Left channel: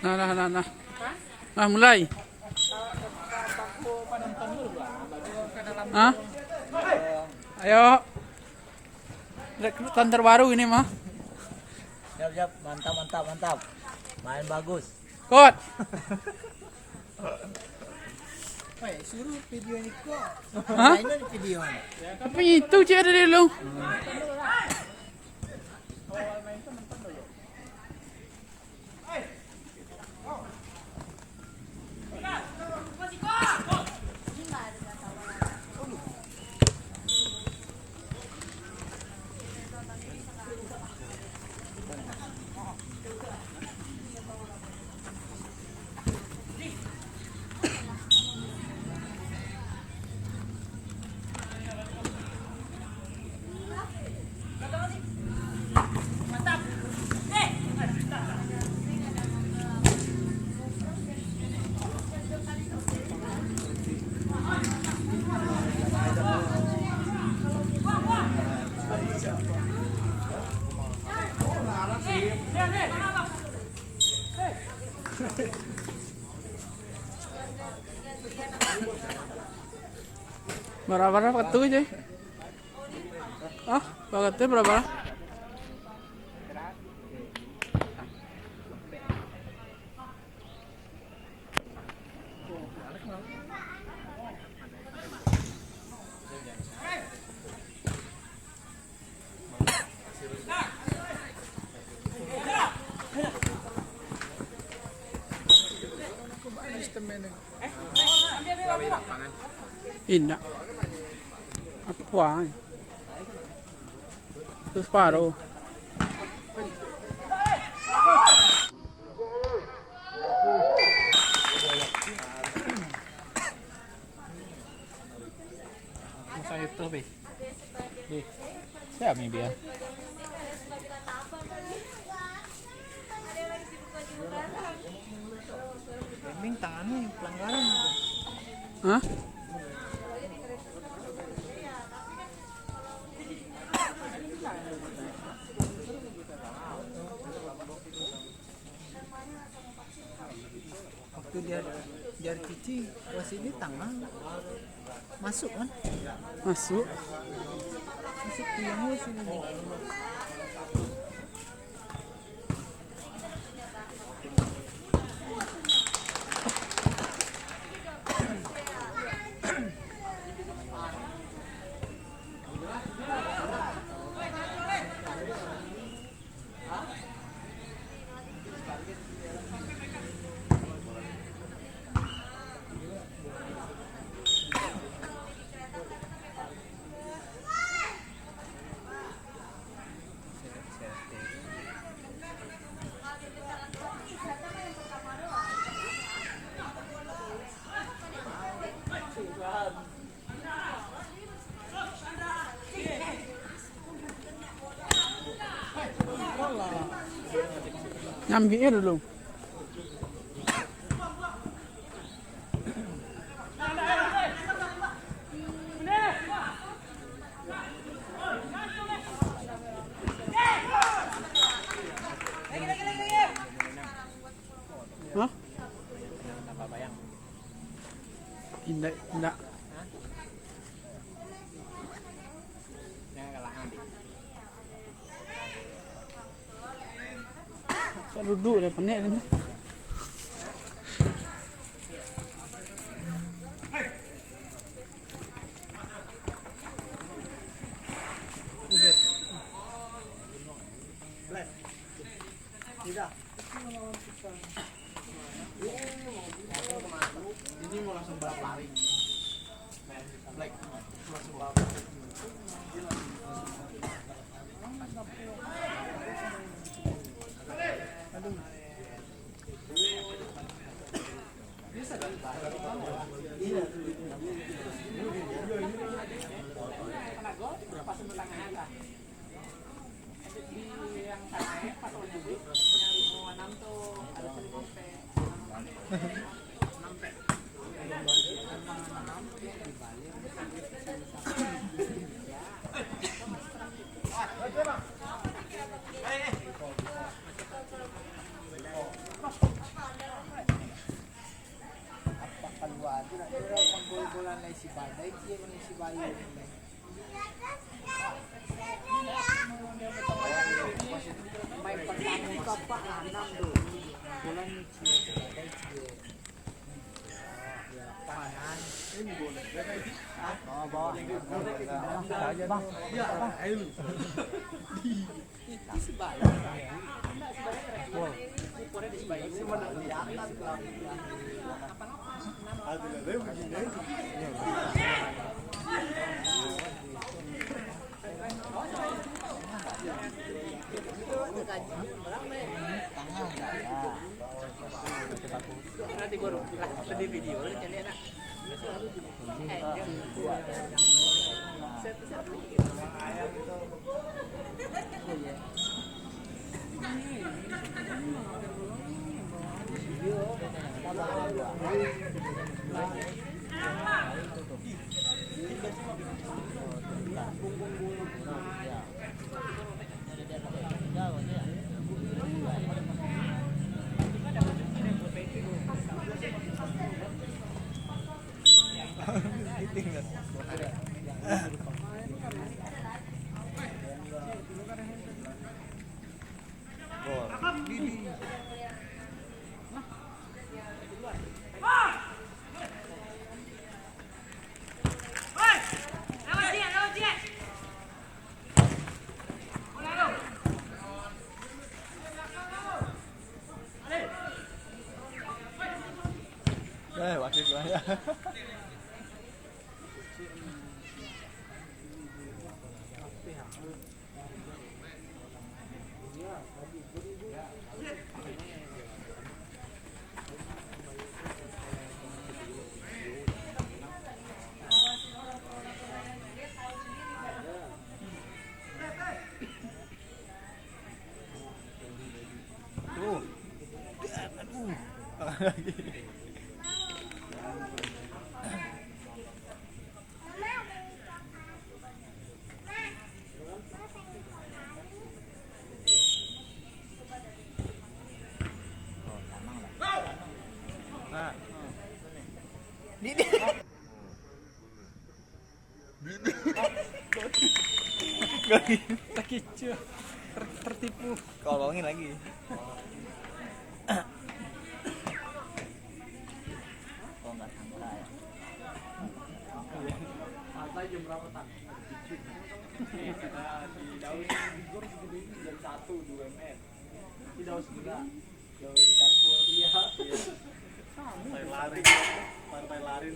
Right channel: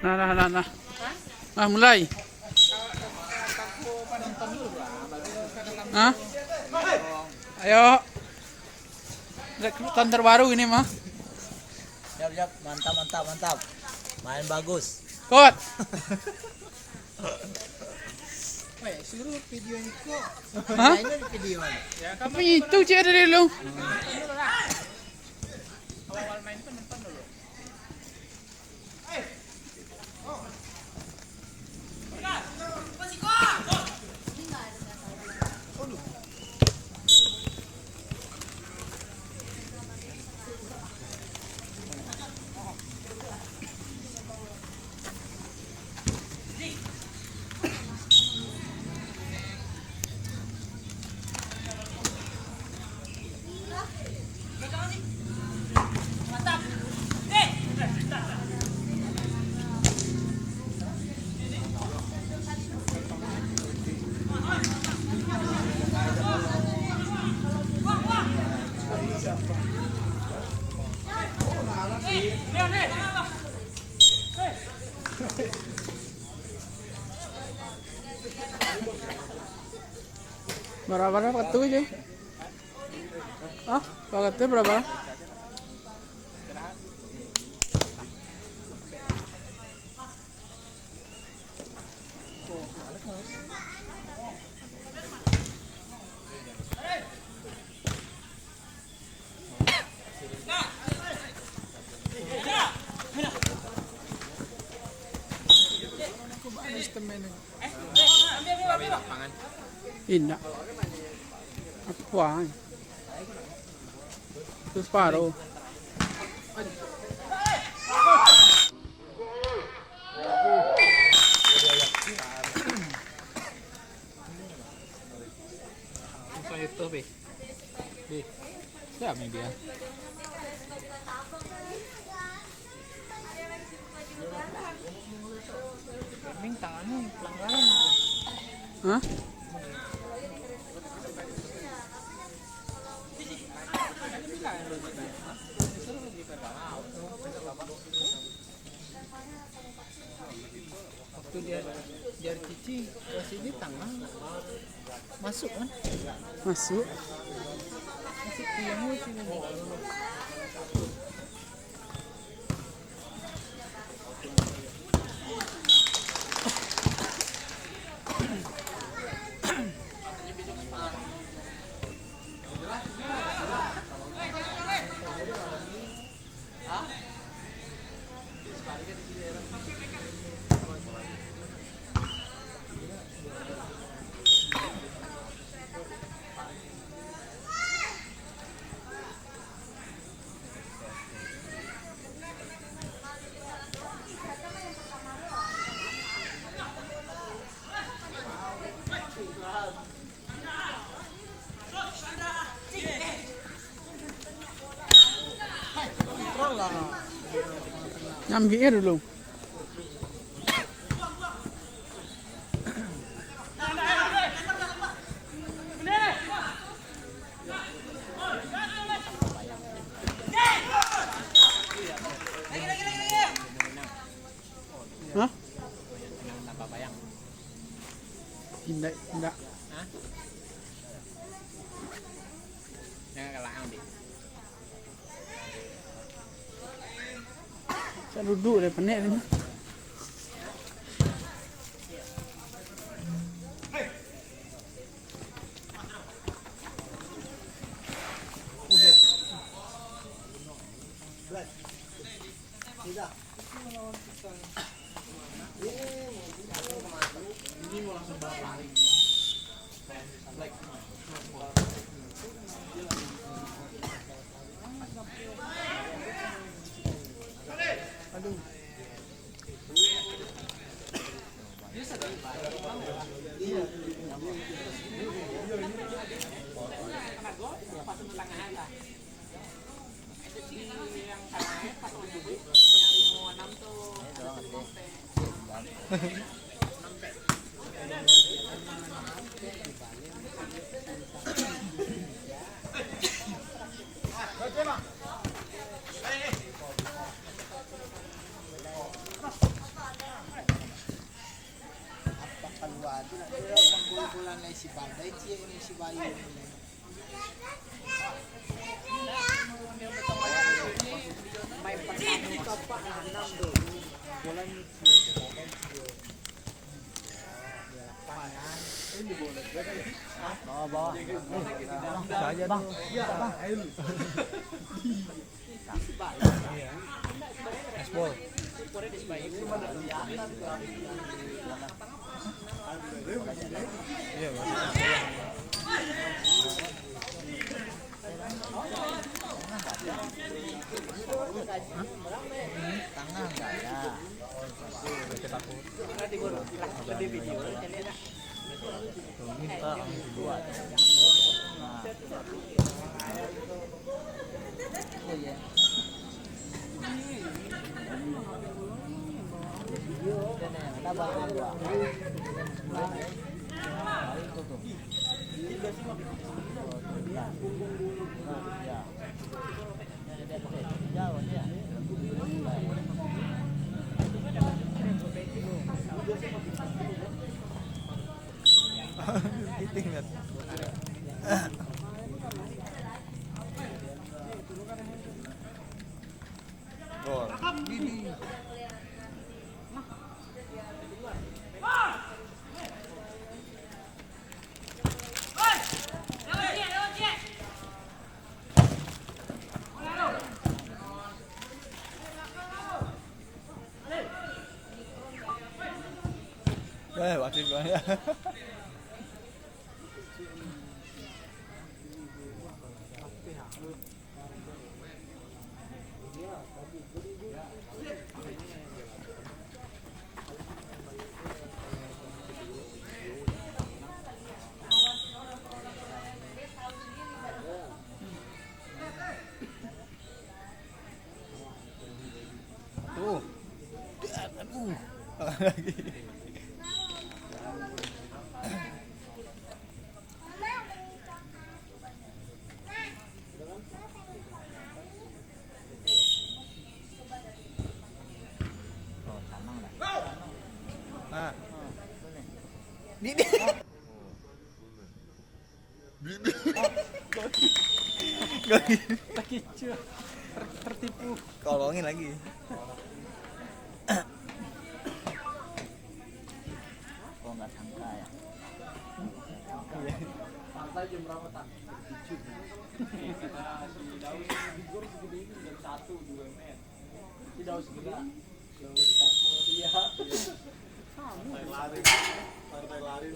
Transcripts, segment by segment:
Nah. Ah, mulai. Hah? Ayo. Rekrutan terbaru ini mah. Siap, mantap. Main bagus. Kot. Suruh video ini kok. Hah? Ini video. Apa itu cik ada dulu? Berapa waktu aja? Ah, paketnya berapa? Indah. Apa? Itu separuh. Saya itu be. Ya maybe ya. Minta nih pelanggaran. Hah? Waktu dia cici ke sini tangan masuk kan? Masuk. Masuk ke yang sini. Nyambinya dulu. Hah? Tidak. Saya duduk deh penek ni. bola na si Balday, siya yung si Bayo. May pagkakalikat pa ka ginando. Jalan waktu itu ya. Lagi. Kecil tertipu. Kolongin lagi. Pantai jam berapa tak? Tidur segede ini jam 1 di UMN. Tidak usah gila. Iya. Partai lari.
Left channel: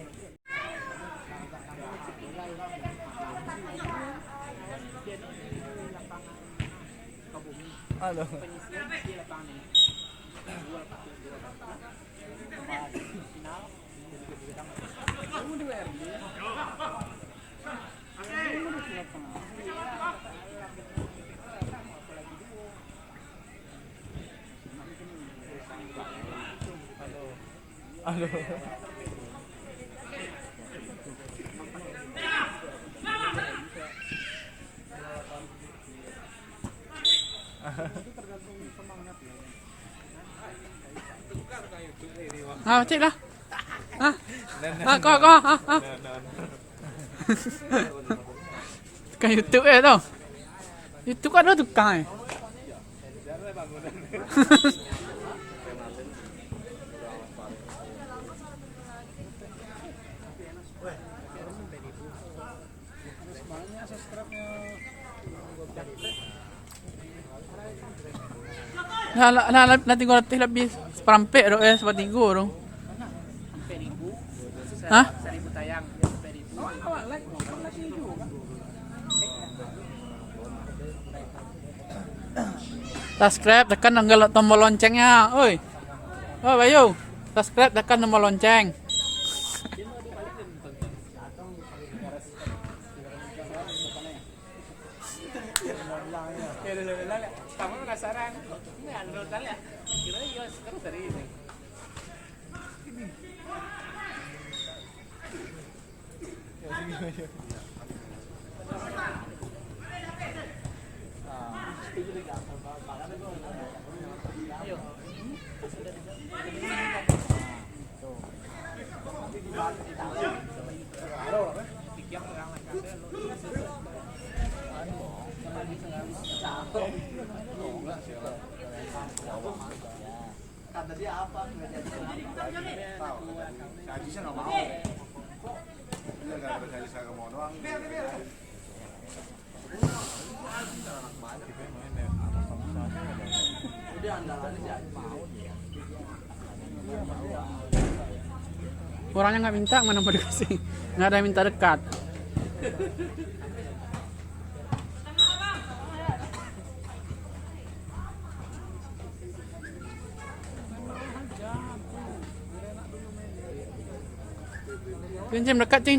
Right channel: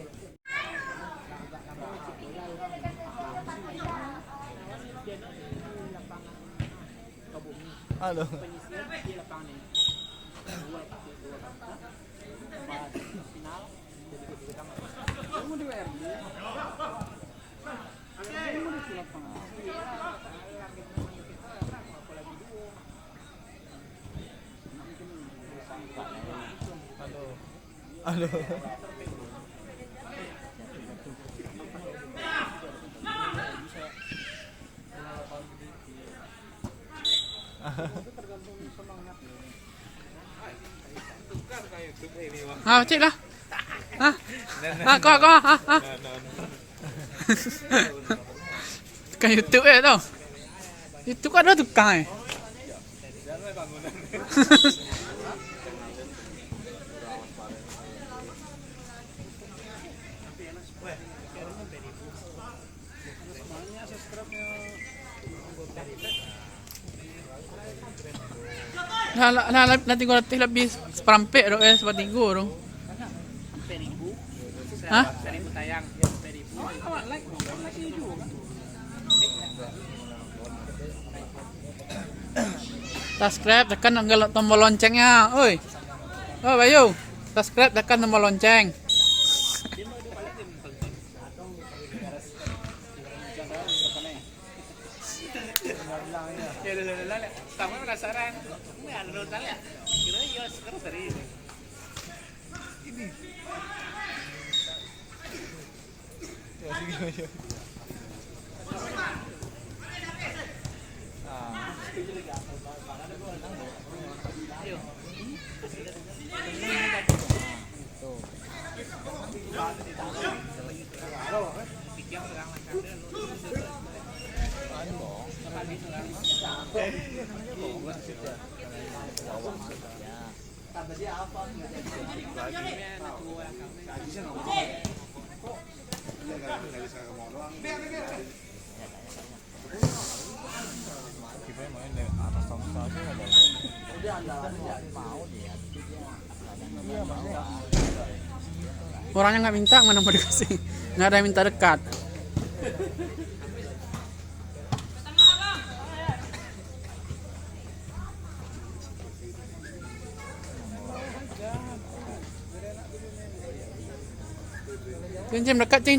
Halo. Halo. Cik lah. Kau. Tukang YouTube tau. Itu kok ada tukang nanti gua latih lebih seperempek dong seperti gua dong. Hah? Subscribe, tekan tombol loncengnya, oi. Oh Bayu, subscribe, tekan tombol lonceng. Kamu penasaran? Ini ada tanya. Kira ya sekarang sering. Orangnya nggak minta, mana mau dikasih? Nggak ada yang minta dekat. Cim dekat, cim.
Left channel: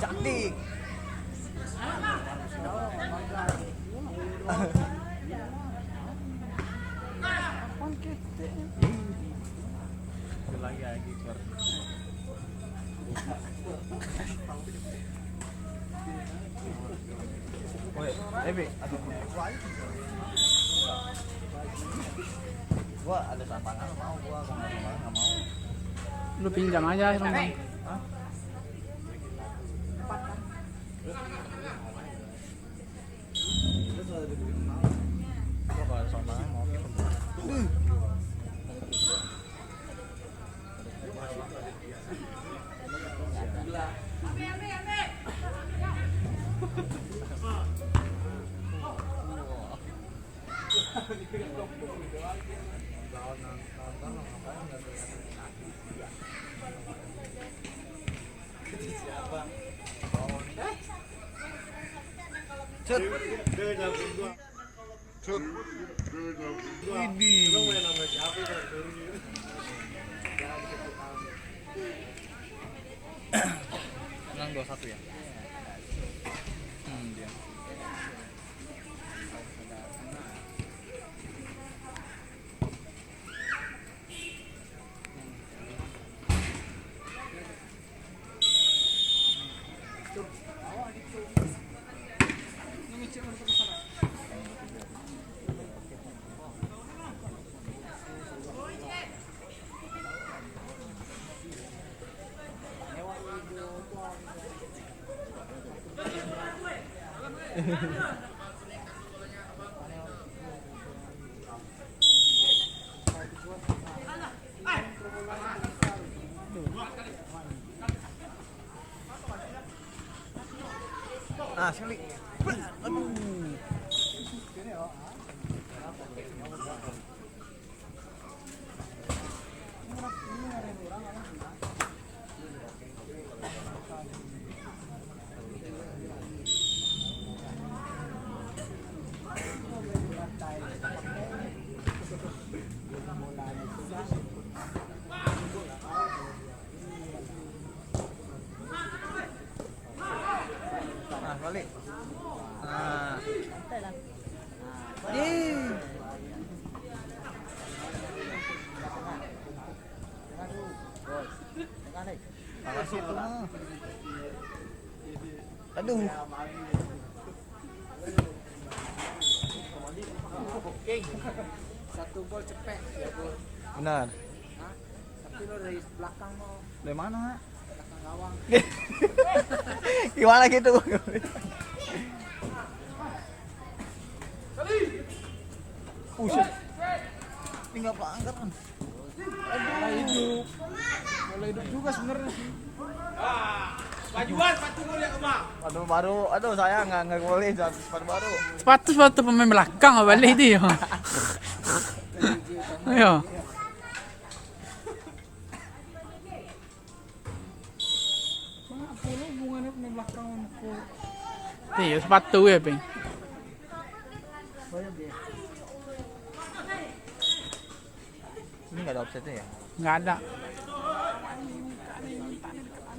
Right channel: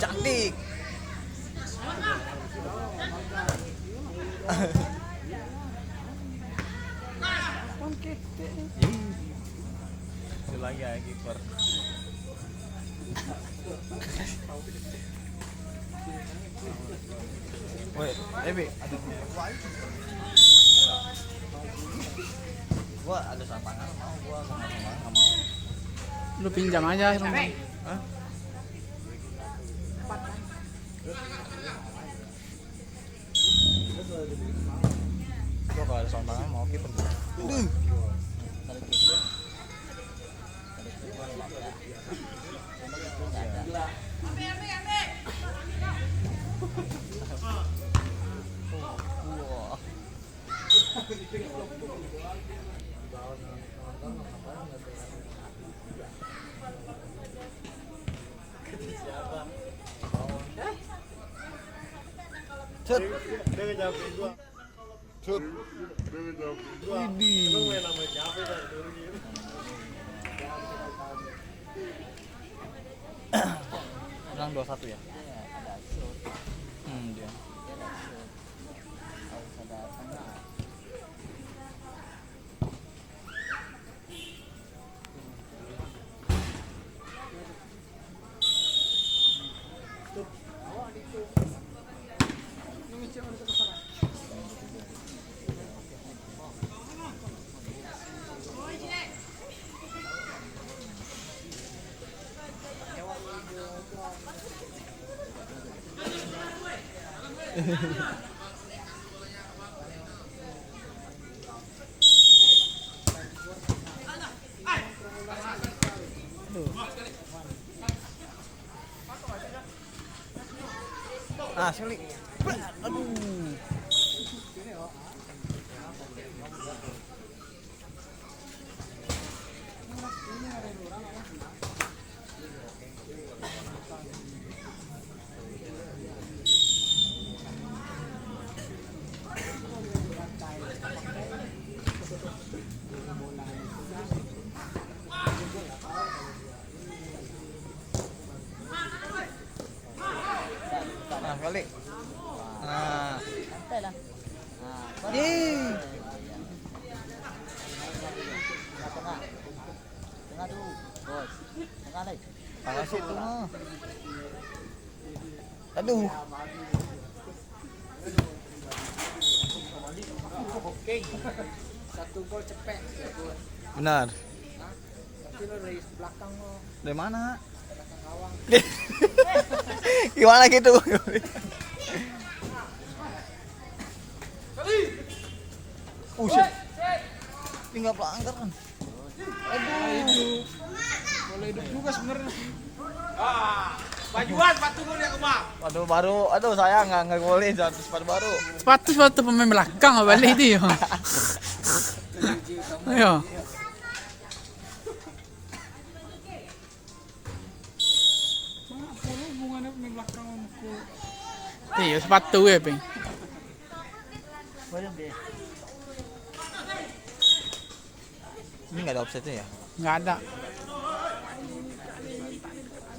Cantik. Itu lagi ya kiper. Woi, Ebi, ada gua ada sampangan mau gua nggak sampangan nggak mau. Lu pinjam aja dong. Hah? Gua kalau ada sampangan mau kiper. Cut. Cut. Widih. Bilang 21 ya? Dia. Ah, sorry. Aduh. Nah, balik. Nah. Ih. Makasih tuh mah. Aduh. Satu gol cepet. Benar. Tapi lo dari belakang mau Dari mana? belakang gawang. Gimana gitu? Shit. Tinggal pelanggaran. Boleh hidup juga sebenarnya. Bajuan sepatu gue yang kemah. Aduh baru, aduh saya nggak boleh jangan sepatu baru. Sepatu pemain belakang balik dia. Ayo. Hubungannya pemain belakang aku. Iya, sepatu ya, Peng. Ini nggak ada offsetnya ya? Nggak ada.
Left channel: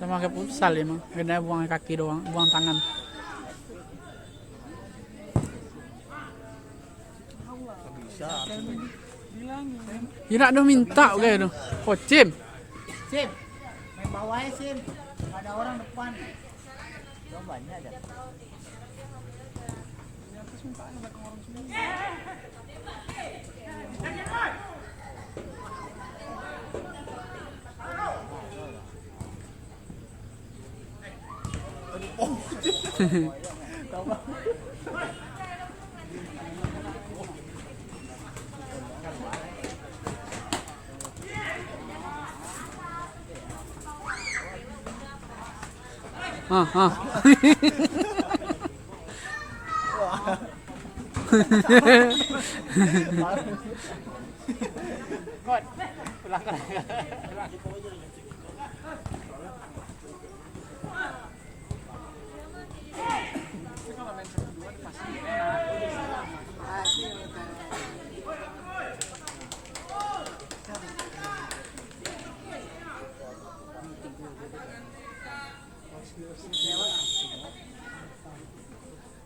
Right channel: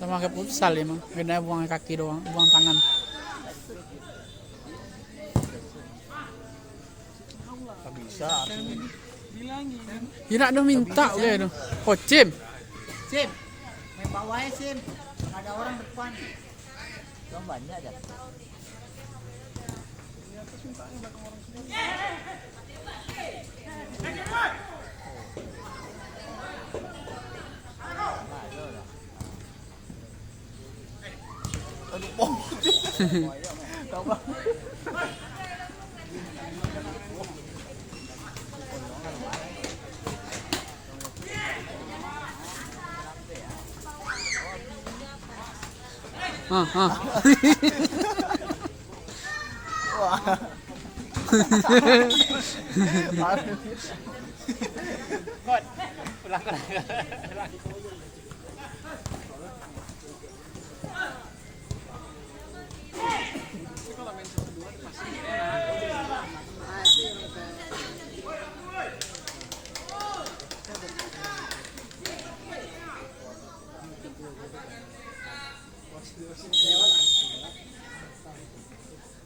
Sama kayak futsal ya, mah. Bedanya buang kaki doang, buang tangan. Nggak bisa. Bilangin. Ya nak dah minta udah tu. Oh, Cim. Sim, main bawahnya Sim. Ada orang depan. Banyak aja. lupa. Kamu Ah. wah. Kot, pulang kan.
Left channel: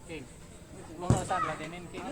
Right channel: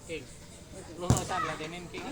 King, lu nonton lagi main King.